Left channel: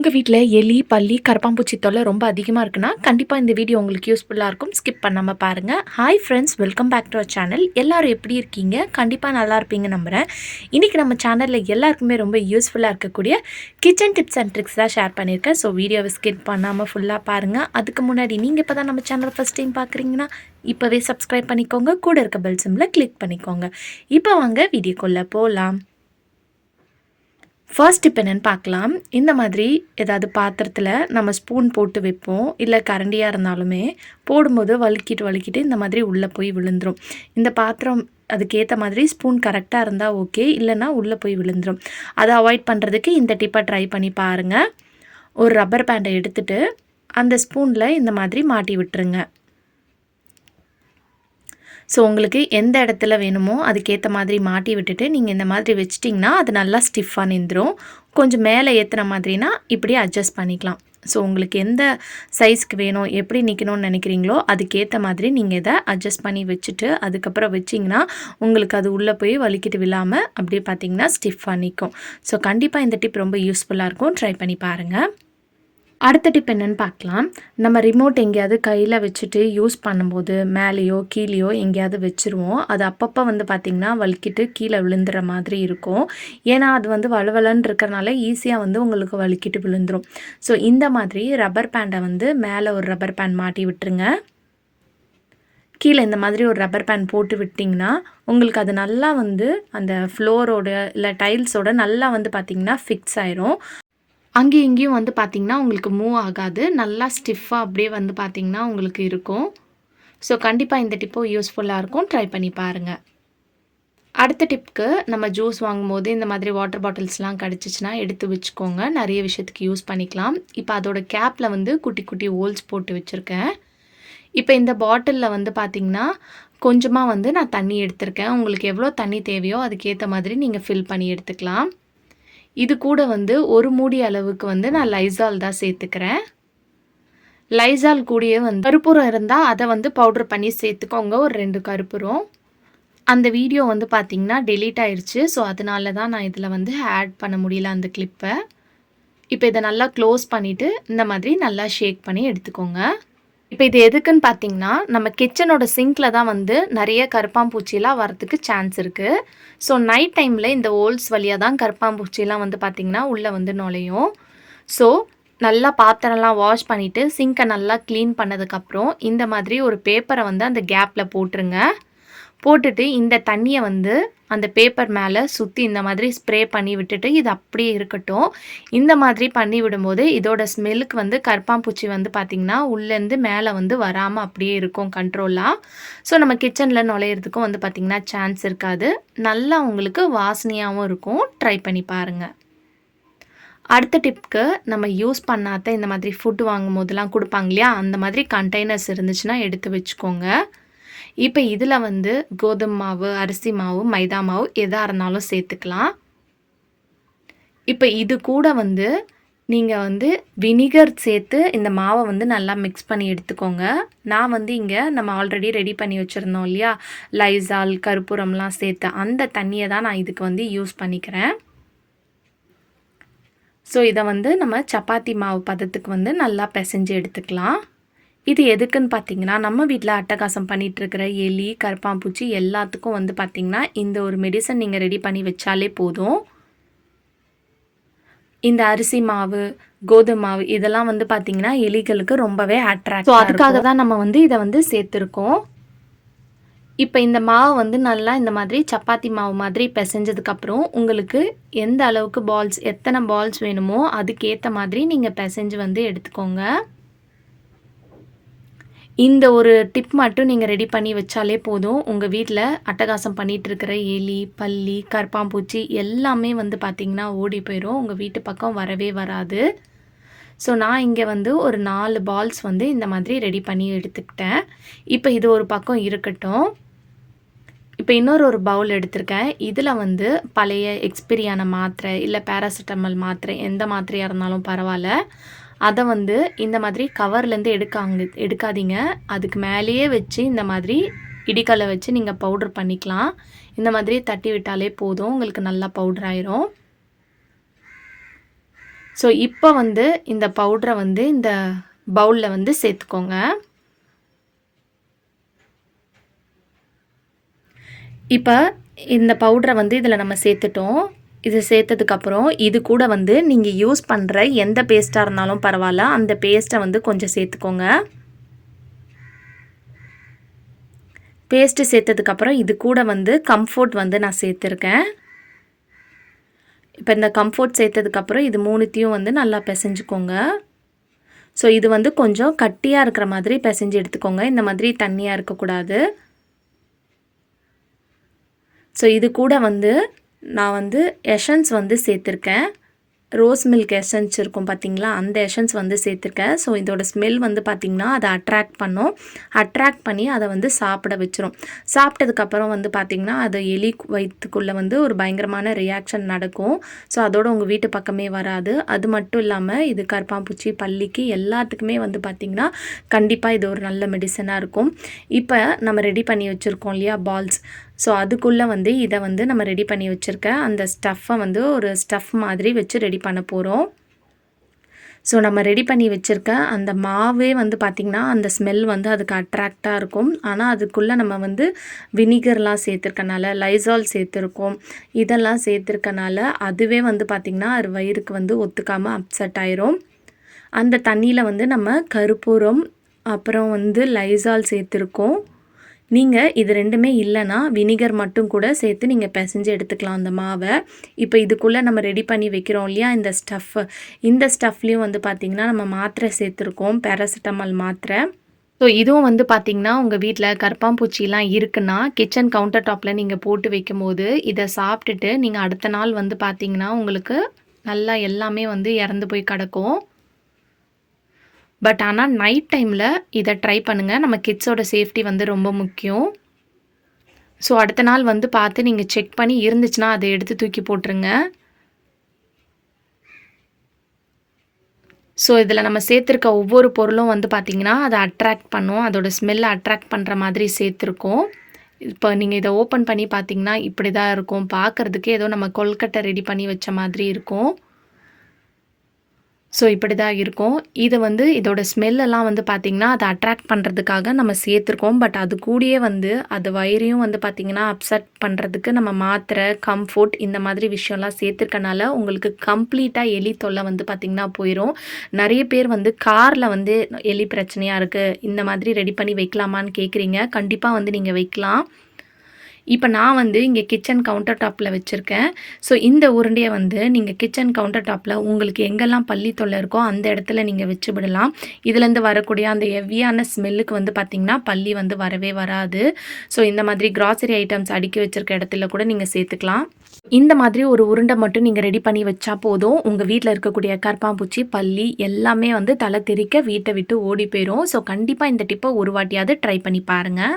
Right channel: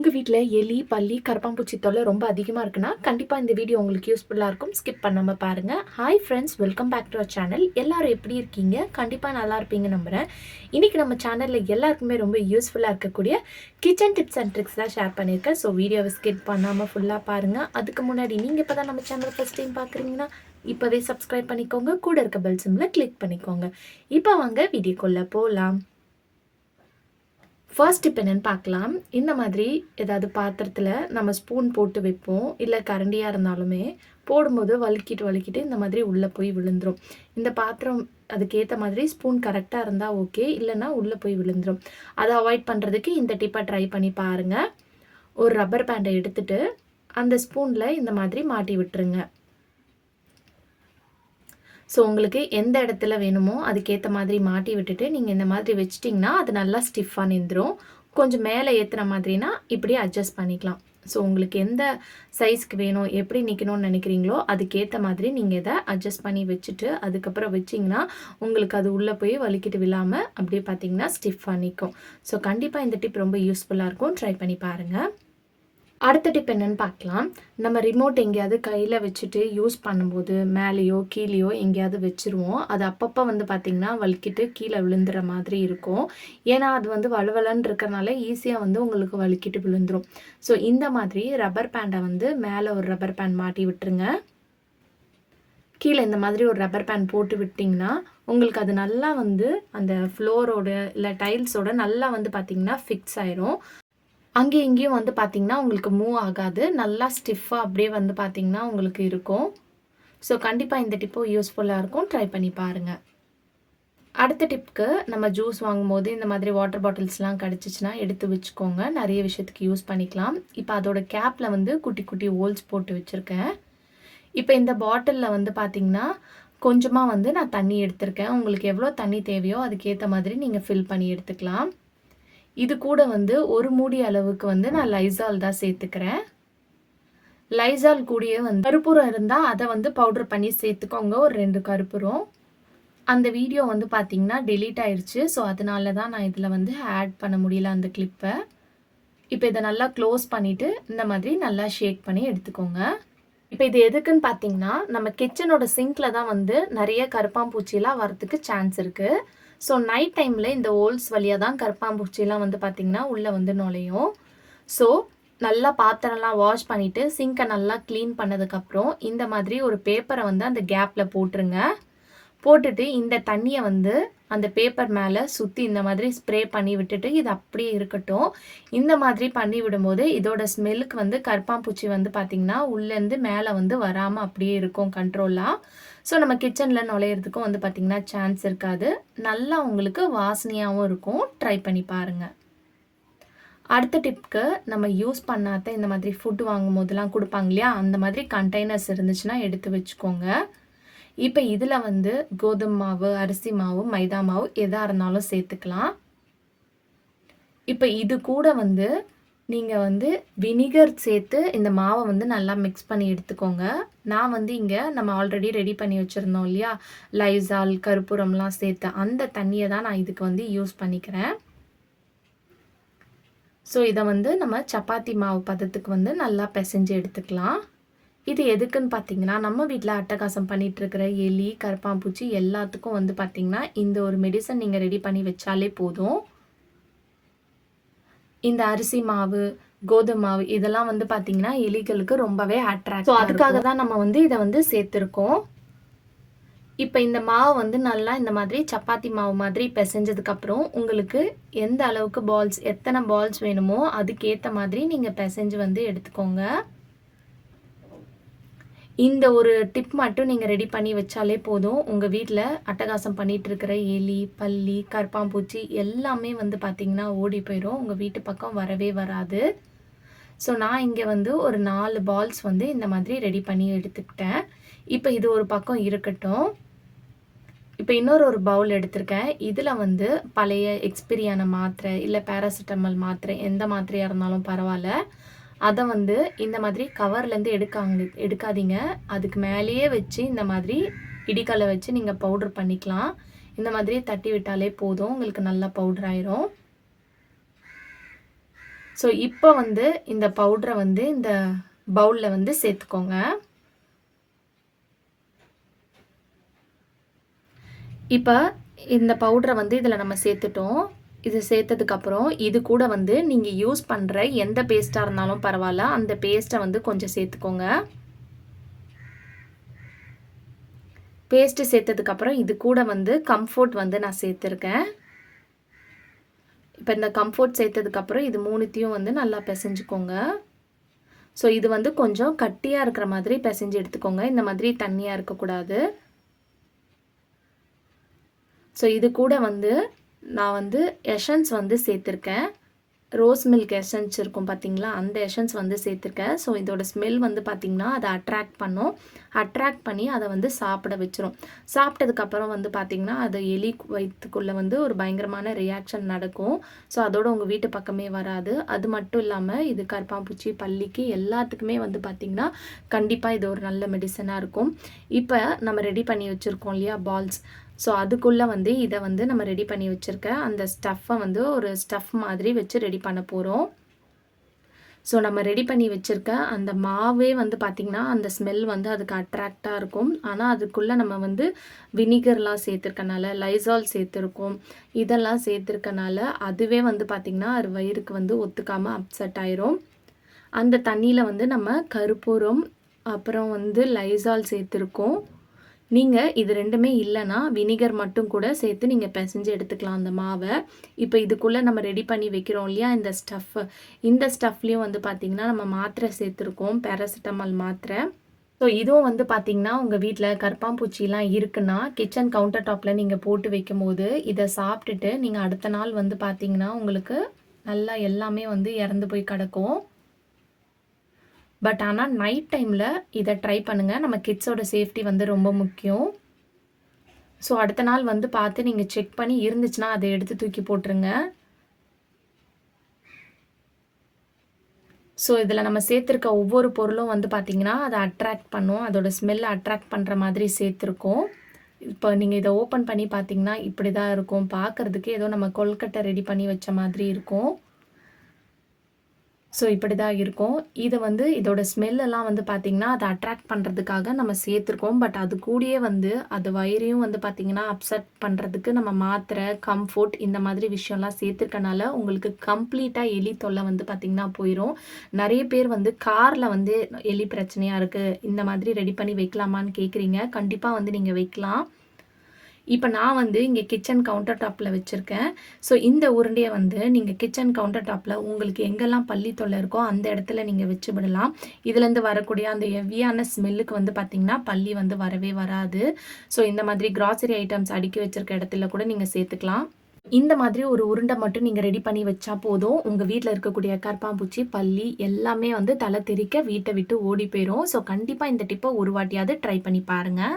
உங்கள் வீட்டில் எலி பல்லி கரப்பாம்பூச்சி தொல்லை ரொம்ப அதிகமாக இருக்குன்னா கண்டிப்பாக இந்த வீடியோ உங்களுக்கு யூஸ்ஃபுல்லாக இருக்கும். ஸ்கிப் பண்ணாமல் பாருங்கள் hi friends welcome back to our channel எல்லோரும் எப்படி இருக்கீங்க? கண்டிப்பாக நல்லா இருப்பீங்க நம்புகிறேன் இன்றைக்கி நம்ம சேனலில் எல்லாருக்குமே ரொம்ப யூஸ்ஃபுல்லாக இருக்கக்கூடிய கிச்சன் டிப்ஸ் அண்ட் ட்ரிக்ஸ் தான் ஷேர் பண்ணியிருக்கேன். ஸோ வீடியோவை ஸ்கிப் பண்ணாமல் ஃபுல்லாக பாருங்கள் அதுக்கு முன்னாடி நீங்கள் இப்போ தான் நம்ம சேனல் ஃபஸ்ட் டைம் பார்க்குறீங்கன்னா இப்போவே சப்ஸ்கிரைப் பண்ணிக்கோங்க. கூட இருக்க பெல் சிம்மில் கிளிக் பண்ணிக்கோங்க. இப்போ வாங்க வீடியோக்குள்ளே போகலாம் ஃபர்ஸ்ட் இப்போ என்னென்னு பார்க்கலாம். இந்த மாதிரி ஏதாவது பாத்திரத்தில் நம்ம ஸ்பூன் போட்டு வைப்போம். இல்லை கரண்டியாக இருந்தாலுமே போடும்போது வழுக்கிட்டு வழுக்கிட்டு இந்த மாதிரி உள்ளே போய் விழுந்துடும் இந்த பாத்திரம் அதுக்கேற்ற மாதிரி ஸ்பூன் கரெக்டாக இருந்தால் ஓகே இல்லைன்னா உள்ளே போய் விழுந்துடும் அதை அவாய்ட் பண்ணுறதுக்கு இந்த டிப்பை ட்ரை பண்ணி பாருங்கள் ஒரு ரப்பர் பேண்டை எடுத்துகிட்டு அந்த ஸ்பூனில் இந்த மாதிரி மாட்டி விட்டுருங்க. ஸோ உங்களுக்கு எந்த இடத்துல வேணுமோ அதுக்கேற்ற மாதிரி மாட்டி விட்டுட்டு நீங்கள் இந்த மாதிரி வச்சிட்டிங்கன்னா அது நல்லா ஸ்டிஃபாக நின்றுடும் கொஞ்சம் மேலே ஏற்றுற மாதிரினா இப்படி அட்ஜஸ்ட் பண்ணிக்கலாம். ஸோ உங்களுக்கு எந்த சைஸ்க்கு வேணும் எப்படி நிற்கணும்னு நினைக்கிறீங்களோ அதுக்கேற்ற மாதிரி நீங்கள் இதை அட்ஜஸ்ட் பண்ணி வச்சுட்டு அதுக்கப்புறம் வச்சிங்கன்னா உங்களுக்கு அது உள்ளே போய் வலிக்கிட்டு விழாமல் அப்படியே பார்த்தீங்கன்னா ஸ்டிஃபாக நிற்கும் ஸோ கண்டிப்பாக இந்த டிப் ரொம்ப யூஸ்ஃபுல்லாக இருக்கும். ட்ரை பண்ணி பாருங்கள் அடுத்த டிப் என்னென்னு பார்க்கலாம். நம்ம ரிமோட் எங்கேயாவது கையில் வச்சுட்டு யூஸ் பண்ணும்போது மேலேயோ கீழேயோ எங்கேயாவது வச்சுருவோம். அது அப்பப்போ வந்து பார்த்திங்கன்னா வலிக்கிட்டு கீழே விழுந்துற மாதிரி இருக்கும். ஏன்னா அது வந்து வளவலன்னு இருக்கிறனால ஈஸியாக வந்து உங்களுக்கு வலிக்கிட்டு விழுந்துடும் ஸோ இந்த மாதிரி ரப்பர் பேண்டை வந்து மேலே ஒரு ரப்பர் பேண்ட் மாட்டி விட்டுருங்க. கீழே இந்த மாதிரி ஒரு ரப்பர் பேண்ட் போட்டு விட்டிங்கன்னா உங்களுக்கு அது நல்லா வந்து அந்த ஃப்ளோரோட இல்லை டைல்ஸோட நல்லா வந்து பார்த்திங்கன்னா ஃபிக்ஸ் ஆயிரும். அங்கேயும் இங்கேயும் வந்து பார்த்திங்கன்னா உங்களுக்கு மூவ் ஆகாது. நல்லா ஸ்டிஃபாக அப்படியே வந்து பார்த்திங்கன்னா உங்களுக்கு இருக்கும். ஸோ கண்டிப்பாக இந்த டிப்போ யூஸ்ஃபுல்லாக இருக்கும். ட்ரை பண்ணி பாருங்கள் அடுத்த டிப்க்கு நம்ம ஜூஸ் வாங்கும்போது இந்த மாதிரி வாட்டர் பாட்டில்ஸ்லாம் கிடச்சிச்சின்னா எடுத்து வச்சுக்கோங்க. நிறைய விஷயத்துக்கு யூஸ் பண்ணிக்கலாம். இப்போ அதோட கேப்பில் வந்து குட்டி குட்டி ஹோல்ஸ் போட்டு வச்சுருக்கேன். இப்போ இந்த பாட்டிலில் வந்து பார்த்திங்கன்னா கொஞ்சமாக வந்து நான் தண்ணி எடுத்திருக்கேன். உங்களுக்கு எவ்வளோ தண்ணி தேவையோ அதுக்கேற்ற மாதிரி நீங்கள் ஃபில் பண்ணி எடுத்துக்கலாம். இது கூட வந்து ஒரு மூடி அளவுக்கு வந்து நான் லைசால் தான் சேர்த்துக்கிறேன். லைசால் கூடிய வந்து கருப்பூரம் இருந்தால் அதை வந்து பவுடர் பண்ணி சேர்த்துக்கோங்க. ஒரு ரெண்டு கருப்பூரம். அந்த வீடியோ வந்து பார்த்திங்கன்னா டெலீட் ஆயிடுச்சு ஸோ அதனால தான் நான் இதில் வந்து ஆட் பண்ண முடியல அந்த கிளிப்பை இப்போ இதை நல்லா க்ளோஸ் பண்ணிவிட்டு இந்த மாதிரி நல்லா ஷேக் பண்ணி எடுத்துக்கோங்க. இப்போ இது எதுக்குன்னு பார்த்தீங்கன்னா நம்ம கிச்சனோட சிங்கில் தான் வந்து நிறைய கருப்பாம்பூச்சிலாம் வரத்துக்கு சான்ஸ் இருக்குது ஸோ நைட் டைமில் இந்த ஓல்ஸ் வழியாக தான் கருப்பாம்பூச்சிலாம் வந்து பார்த்திங்கன்னா உள்ளே வந்து நுழையும். ஸோ நல்லா பாத்திரம்லாம் வாஷ் பண்ணிவிட்டு சிங்கை நல்லா க்ளீன் பண்ணதுக்கப்புறம் இந்த மாதிரி ஒரு பேப்பரை வந்து அந்த கேப்பில் போட்டுருங்க. போட்டுட்டு இந்த தண்ணியை வந்து அந்த பேப்பர் மேலே சுற்றி இந்த மாதிரி ஸ்ப்ரே பண்ணி விட்டுட்டு இது அப்படியே இருக்கட்டும். இந்த மாதிரி பண்ணி விடும்போது இதோட ஸ்மெல்லுக்கு வந்து கற்பாம்பூச்சி வந்து பார்த்திங்கன்னா உள்ளேருந்து மேலே வந்து வராமல் அப்படியே இருக்கும் கண்ட்ரோலாக ஸோ நம்ம கிச்சனில் நுழையிறதுக்கும் வந்து பார்த்திங்கன்னா சான்ஸ் இருக்காது. நல்லா உங்களுக்கு வாசனையாகவும் இருக்கும். ட்ரை பண்ணி பாருங்கள் அடுத்த டிப்க்கு நம்ம யூஸ் பண்ணாத இந்த மாதிரி ஃபுட்டு வாங்கும் போதெல்லாம் கொடுப்பாங்க இல்லையா? அந்த மாதிரி கண்டெய்னர்ஸ் இருந்துச்சுன்னா எடுத்து வச்சுக்கோங்க. இப்போ இதில் வந்து கோதுமை மாவு அரிசி மாவு மைதா மாவு எதாக இருந்தாலும் சேர்த்துக்கலாம். இப்போ இது கூட வந்து நீங்கள் வந்து வினிகர் சேர்த்து இந்த மாவை வந்து நல்லா மிக்ஸ் பண்ணி எடுத்துக்கோங்க. நான் வந்து இங்கே நம்ம ஆல்ரெடி ரெடி பண்ணி வச்சுருந்தோம் இல்லையா? லைசால் கருப்பூரம்லாம் சேர்த்து அந்த தண்ணியை தான் நான் இதுக்கு வந்து யூஸ் பண்ணிக்கிறேன். ஸோ இதை வந்து நம்ம சப்பாத்தி மாவு பதத்துக்கு வந்து நல்லா பிசைஞ்சு எடுத்துக்கலாம். இது எதுக்குன்னு பார்த்தீங்கன்னா நம்ம வீட்டில் அட்டகாசம் பண்ணிகிட்ருக்கிற எலி கருப்பாம்பூச்சி எல்லாத்துக்கும் வந்து பார்த்திங்கன்னா இந்த ஒரு மெடிசன் நீங்கள் ரெடி பண்ணி வச்சாலே போதும். இந்த அரிசி மாவு கோதுமை மாவு இதெல்லாம் வந்து பார்த்திங்கன்னா எலிகளுக்கு ரொம்பவே அட்ராக்ட் ஸோ அதுக்காக தான் நம்ம வந்து இதை வந்து சேர்த்துருக்கோம். இப்போ இந்த மாவு வந்து நல்லா இந்த மாதிரி சப்பாத்தி மாவு மாதிரி பிசைஞ்சதுக்கப்புறம் உங்களுக்கு எந்த அளவுக்கு பால்ஸ் எத்தனை பால்ஸ் வேணுமோ அதுக்கேற்ற மாதிரி நீங்கள் பிசைஞ்சு வந்து எடுத்துக்கோங்க. இந்த ஒரு டிப் மட்டும் நீங்கள் ரெடி பண்ணி வச்சாலே போதும். உங்கள் வீட்டில் அட்டகாசம் பண்ணிகிட்டு இருக்கிற எலி பல்லி கற்பாம்பூச்சி எல்லாமே வந்து பார்த்திங்கன்னா ஓடி போயிடும் உங்கள் வீட்டு பக்கம் வரவே வராது. ஸோ நான் இங்கே வந்து ஒரு நாலு பால்ஸ் வந்து இந்த மாதிரி ரெடி பண்ணி எடுத்துக்கிட்டேன். இப்போ இது ஒரு பக்கம் இருக்கட்டும். இப்போ இன்னொரு ஒரு பவுல் எடுத்திருக்கேன். இதில் வந்து பழைய எக்ஸ்பிரியான மாத்திரை இல்லை பேராசிட்டமல் மாத்திரை எந்த மாத்திரையாக இருந்தாலும் பரவாயில்ல. அதை வந்து இந்த மாதிரி கவர்லேருந்து எடுக்காங்க எடுக்காதீங்க. அதுக்கு மேலேயே வச்சு இந்த மாதிரி இடிக்கலை வச்சு நீங்கள் பவுட்ரு பண்ணிக்கலாம். இந்த மாதிரி தட்டி விட்டாலே போதும். உங்களுக்கு நல்லா பவுடர் ஆயிரும். ஸோ இப்போ வந்து இந்த பவுட்ரை வந்து இந்த பவுலில் வந்து சேர்த்துக்கோங்க. இப்போ இந்த பவுட்ரை வந்து இதில் நம்ம சேர்த்துட்டோம். இது சேர்த்ததுக்கப்புறம் இது கூட வந்து நீங்கள் யூஸ் பண்ணுற எந்த பேஸ்ட்டாக இருந்தாலும் பரவாயில்ல. அந்த பேஸ்ட்டை வந்து கொஞ்சம் சேர்த்துக்கோங்க. பேஸ்ட்டு சேர்த்ததுக்கப்புறம் இது கூட வந்து கம்ஃபோர்ட் வந்து நான் சேர்த்துருக்கேன். இப்போ இந்த கம்ஃபோர்ட் சேர்த்ததுக்கப்புறம் இது மூணுத்தையும் வந்து நல்லா பிசைஞ்சுக்கோங்க. ஸோ இது வந்து கொஞ்சம் கட்டியாக இருக்கிற மாதிரி பிசைஞ்சு எடுத்துக்கோங்க. இந்த மாதிரி தண்ணியாக இருக்கக்கூடாது. ஸோ இது கூட வந்து நான் வந்து எஷன்ஸ் வந்து சேர்த்துருக்கேன். ரோஸ் மில்க் எசன்ஸ் இருக்கும் பார்த்தீங்களா அந்த எசன்ஸ் வந்து சேர்த்துருக்கேன். ஸோ இதோட ஸ்மெல் வந்து பார்த்திங்கன்னா அதை அட்ராக்ட் பண்ணும். அட்ராக்ட் பண்ணி அதை வந்து சாப்பிட வச்சிரும். சாப்பிட்டதுக்கப்புறம் வந்து பார்த்திங்கன்னா அது எலி வயிற்றுக்குள்ளே வந்து ஒரு பயங்கரமான ரியாக்ஷன் நடக்கும். ஸோ அதோட உங்கள் வீட்டு பக்கமே வராது. அது மட்டும் இல்லாமல் இது கருப்பாம்பூச்சி பள்ளிக்கு எல்லாத்துக்குமே வந்து பார்த்திங்கன்னா கண்டிப்பாக இது ஒரு நல்ல மெடிசனாக இருக்கும். இப்போ நம்ம ரெடி பண்ணி வச்சுருக்கோம் இல்லையா பால்ஸ் ஸோ அதுக்குள்ளே வந்து இதை வந்து நம்ம ரெடி பண்ணி வச்சுருக்க அந்த ஸ்டஃப்பை வந்து ஒரு ஸ்டஃப் மாதிரி வச்சு ரெடி பண்ண போகிறோம் ஸோ நம்ம ரெடி பண்ணி வச்சுருக்க அந்த மாவே வந்து பார்த்திங்கன்னா அந்த ஸ்மெல் வந்து அதுக்கு அட்ராக்டாக இருக்கும். ஆனால் அதுக்குள்ளே நம்ம வந்து வினிகர்லாம் சேர்த்துருக்கனால லைசால் சேர்த்துருக்கோம். இதெல்லாம் சேர்த்துருக்கனால அதுவே வந்து பார்த்திங்கன்னா அது வயிறுக்கு வந்து ஒத்துக்காமல் அப்செட் ஆயிரும். அந்த தண்ணியில் வந்து நம்ம கருப்பூரம் அப்புறம் வந்து லைசால் சேர்த்துருக்கோம். நீங்கள் இது ரெண்டுமே இல்லைன்னா வினிகர் மட்டும் கூட சேர்த்து நீங்கள் பிசைஞ்சு எடுத்துக்கலாம் அந்த மாவை. இப்போ இதுக்குள்ளே நம்ம ரெடி பண்ணி வைக்கிறோம் இல்லையா இந்த ஸ்டஃப் இந்த ஸ்டஃப்லேயும் வந்து பார்த்திங்கன்னா நம்ம மாத்திரை சேர்த்துருக்கோம் பேராசிட்டமால் மாத்திரை. ஸோ இதுவும் வந்து பார்த்திங்கன்னா உங்கள் வீட்டில் கற்பாம்பூச்சிலாம் இருக்குன்னா கிச்சன் கவுண்டர் டாப்பில் நீங்கள் போட்டு வைக்கும்போது இதை சாப்பிட்டுட்டு நீங்கள் அடுத்த நாள் வந்து பார்த்திங்கன்னா உங்களுக்கு நல்லா எல்லாமே வந்து இறந்து போய் கிடக்கும். பட் ஆனால் நைட் டைமில் இதை ட்ரை பண்ணுங்கள் நம்ம கிட்ஸோட சேஃப்டி வந்து ரொம்ப முக்கியம். ஸோ அடுத்த நாள் வந்து பார்த்து நீங்கள் செக் பண்ணி இருந்துச்சுன்னா அதை எடுத்து தூக்கி போட்டுருங்க. ஸோ இதில் நம்ம சேர்த்துருக்க ஒவ்வொரு பொருளும் வந்து பார்த்திங்கன்னா அதை அட்ராக்ட் பண்ணும். அதோடய ஸ்மெல்லை அட்ராக்ட் பண்ணுற மாதிரி சேர்த்துருக்கோம். இப்போ நீங்கள் இதை ஓப்பன் பண்ணி பார்த்தீங்கன்னா இப்படி தான் இருக்கும். பார்க்குறதுக்கு ஏதோ நம்ம கொல்கட்டை ரெடி பண்ணி வச்ச மாதிரி இருக்கும். ஸோ இப்படி தான் இருக்கும். இதை வந்து இதோட ஸ்மெல்லெல்லாம் வந்து பார்த்திங்கன்னா அதை அட்ராக்ட் பண்ணுறதுக்காக நம்ம சேர்த்துருக்கோம். பட் அது கூடயே வந்து அது வயிறையும் வந்து பார்த்திங்கன்னா அப்செட் பண்ணுறதுக்கு நம்ம மாத்திரை கம்ஃபோர்ட் இந்த மாதிரி விஷயம்லாம் சேர்த்துருக்கனால உங்களுக்கு கம்ப்ளீட்டாக எலி தொல்லை வந்து பார்த்திங்கன்னா போயிடும் நிறைய பேர் வந்து காரில் வந்து எலி பிரச்சனையாக இருக்குது இந்த மாதிரி ரெடி பண்ணி வைக்கலாமான்னு கேட்குறீங்க கண்டிப்பாக வந்து நீங்கள் வைக்கலாம். இப்போ நான் வந்து இங்கே கிச்சன் கவுண்டர் டாப்பில் வச்சுருக்கேன். ஸோ இந்த உருண்டையை வந்து நீங்கள் கிச்சன் கவுண்டர் டாப்பில் உங்களுக்கு எங்கெல்லாம் பள்ளி தொல்லை இருக்கோ அந்த இடத்துல நீங்கள் வச்சு விடலாம். இதுலேருந்து வரக்கூடிய அந்த எவ்வியான ஸ்மெல்லுக்கு வந்து பார்த்திங்கன்னா பள்ளி வந்து வரவே வராது. ஸோ இந்த மாதிரி கிராசரி ஐட்டம்ஸ் அடுக்கி வச்சுருக்க இடத்துல கூட நீங்கள் சேர்த்துக்கலாம். இந்த மாதிரி ஒரு உருண்டை மட்டும் நீங்கள் ரெடி பண்ணி வச்சா போதும். உங்கள் வீட்டில் இருக்கக்கூடிய கற்பாம்பூச்சி பள்ளி எல்லாமே வந்து தலை தெறிக்க வீட்டை விட்டு ஓடி போயிடும் ஸோ கண்டிப்பாக இந்த டிப்பை ஒரு வாட்டியாவது ட்ரை பண்ணி பாருங்கள்